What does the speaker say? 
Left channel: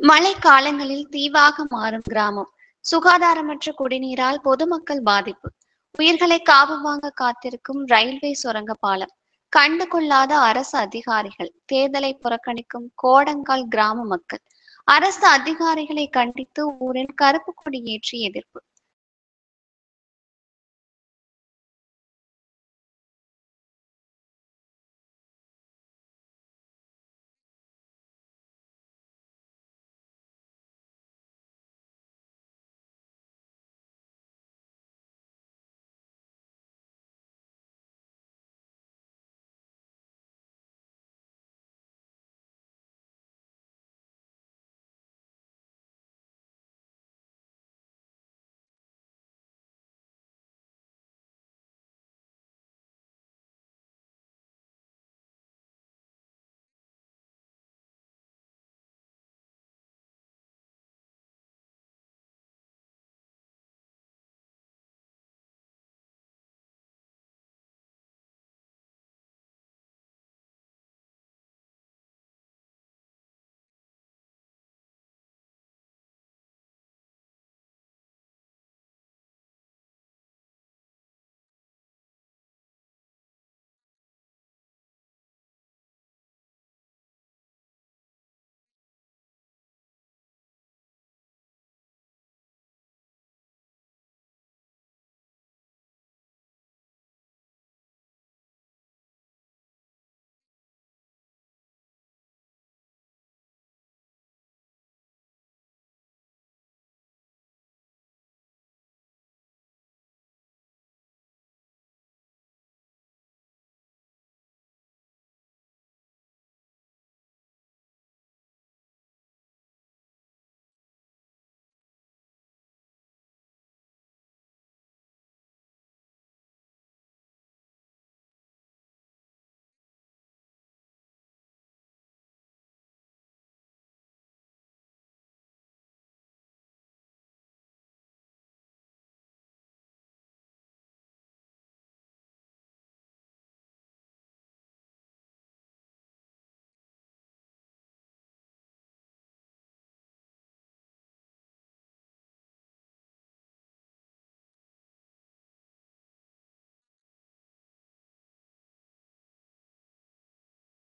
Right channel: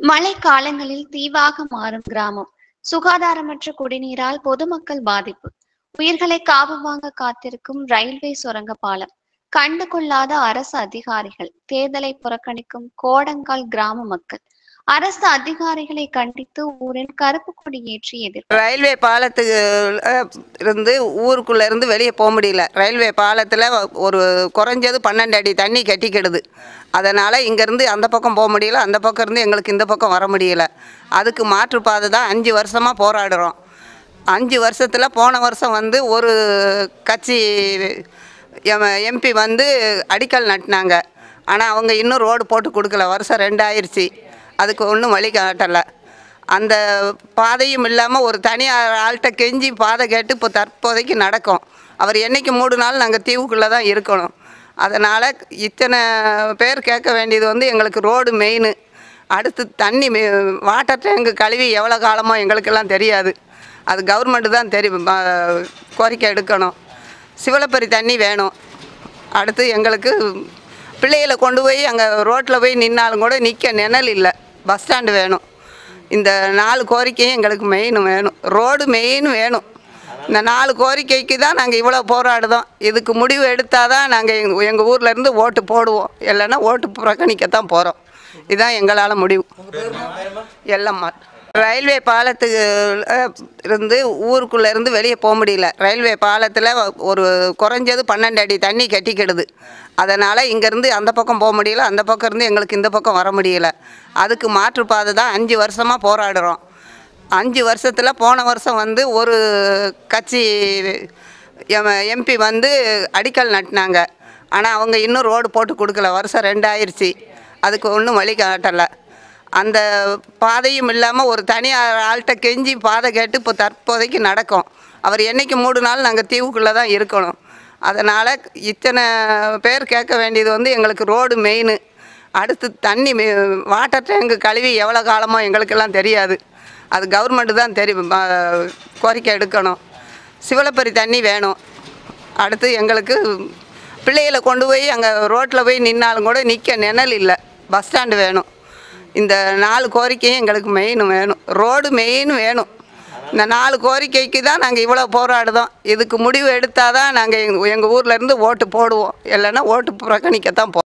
மழை காலங்களில் தீவாக மாறும் கிராமம். சுகாதாரமற்ற குடிநீரால் பொதுமக்கள் பாதிப்பு. உயிர்களை காவு வாங்க காத்திருக்கும் ரயில்வே சுரங்க பாலம். கண்டு கொள்ளாத அரசு அதிகாரிகள். தேர்தலை புறக்கணிக்கும் கோடங்கால் கிராம மக்கள். அரசு அதிகாரிகளை கண்டித்து ஊரில் கருப்பு கொடி ஏற்றி எதிர்ப்பு. ரயில்வே பாலத்துக்கு இருந்து ஊருக்குள்ள இருந்து வெளியே போக முடியல. ரயில்வே பாலத்தில் ஒரு குறைஞ்சது 12 அடி தண்ணி கட்டிக்கிடுது. அதனால் இங்கேருந்து அந்த பக்கம் போக முடியல, அந்த பக்கம் இருந்து எங்களுக்கு இந்த பக்கம் வர முடியல. அதுக்கு மாற்றுப்பாதை தான் 5 வருஷமாக போராடுறோம். 5 வருஷத்தில் போன வருஷம் வந்து ஒரு கட்சி எம்பி வந்து அடிக்கல் நட்டினாங்க. ஆனால் அவங்க இன்னும் ரோடு போட்டு கொடுக்கல. வருஷம் 2 ஆயிடுச்சு. அதுக்கு ஒன்றும் வழி காட்டலை. அந்த பாதையும் இல்லாமல் ஒரு தனியார் ஆள்கிட்ட கெஞ்சி பாதை கேட்டு இப்போ தற்போதைக்கு நடக்கும். அவர் என்றைக்கு மூடினாலும் நாங்கள் தீவுக்குள்ளே தான் இருக்கணும். அதனால் இத்தனை பேர் கேட்க வேண்டியது வந்து எங்களுக்கு ரோடு மெயின். அடுத்து தண்ணி வாட்டர் டேங்கு கழுவி எவ்வளோ காலமோ எங்களுக்கெல்லாம் தெரியாது. அது கவர்மெண்ட்டு தான் தெரியும். கோரிக்கை எடுக்கணும். சிவலப்பரி தண்ணி வேணும். அடுத்து எங்களுக்கு பிள்ளைகளை கொண்டு போய் அங்கே ரோட்டில் போய் நின்னாலும் கூட நிற்க நிழல் இல்லை. பஸ் ஸ்டாண்டு வேணும். இந்த 4 கோரிக்கையும் எங்களுக்கு மெயின் வேணும். ரோடு மெயின் வேணும். இந்த 4 கோரிக்கைக்கு தான் நாங்கள் இவ்வளோ போராடுதோம். இதுக்கு முடிவு எடுத்தால் தான் நாங்கள் எங்கள் ஊர்லேருந்து ஓட்டு போடுவோம். இல்லைன்னா ஓட்டு புறக்கணிக்கத்தான் போகிறோம். இதுதான் எங்களால் முடிவு. எல்லம்மா. ரயில்வே பாலத்துக்கு இருந்து ஊருக்குள்ளே இருந்து வெளியே போக முடியல. ரயில்வே பாலத்தில் ஒரு குறைஞ்சது 12 அடி தண்ணி கட்டிக்கிடுது. அதனால் இங்கேருந்து அந்த பக்கம் போக முடியல, அந்த பக்கம் இருந்து எங்களுக்கு இந்த பக்கம் வர முடியல. அதுக்கு மாற்றுப்பாதை தான் 5 வருஷமாக போராடுறோம். 5 வருஷத்தில் போன வருஷம் வந்து ஒரு கட்சி எம்பி வந்து அடிக்கல் நட்டினாங்க. ஆனால் அவங்க இன்னும் ரோடு போட்டு கொடுக்கல. வருஷம் 2 ஆயிடுச்சு. அதுக்கு ஒன்றும் வழி காட்டலை. அந்த பாதையும் இல்லாமல் ஒரு தனியார் ஆள்கிட்ட கெஞ்சி பாதை கேட்டு இப்போ தற்போதைக்கு நடக்கும். அவர் என்றைக்கு மூடினாலும் நாங்கள் தீவுக்குள்ளே தான் இருக்கணும். அதனால் இத்தனை பேர் கேட்க வேண்டியது வந்து எங்களுக்கு ரோடு மெயின். அடுத்து தண்ணி வாட்டர் டேங்கு கழுவி எவ்வளோ காலமோ எங்களுக்கெல்லாம் தெரியாது. அது கவர்மெண்ட்டு தான் தெரியும். கோரிக்கை எடுக்கணும். சிவலப்பரி தண்ணி வேணும். அடுத்து எங்களுக்கு பிள்ளைகளை கொண்டு போய் அங்கே ரோட்டில் போய் நின்னாலும் கூட நிற்க நிழல் இல்லை. பஸ் ஸ்டாண்டு வேணும். இந்த 4 கோரிக்கையும் எங்களுக்கு மெயின் வேணும். ரோடு மெயின் வேணும். இந்த 4 கோரிக்கைக்கு தான் நாங்கள் இவ்வளோ போராடுதோம். இதுக்கு முடிவு எடுத்தால் தான் நாங்கள் எங்கள் ஊர்லேருந்து ஓட்டு போடுவோம். இல்லைன்னா ஓட்டு புறக்கணிக்கத்தான் போகிறோம்.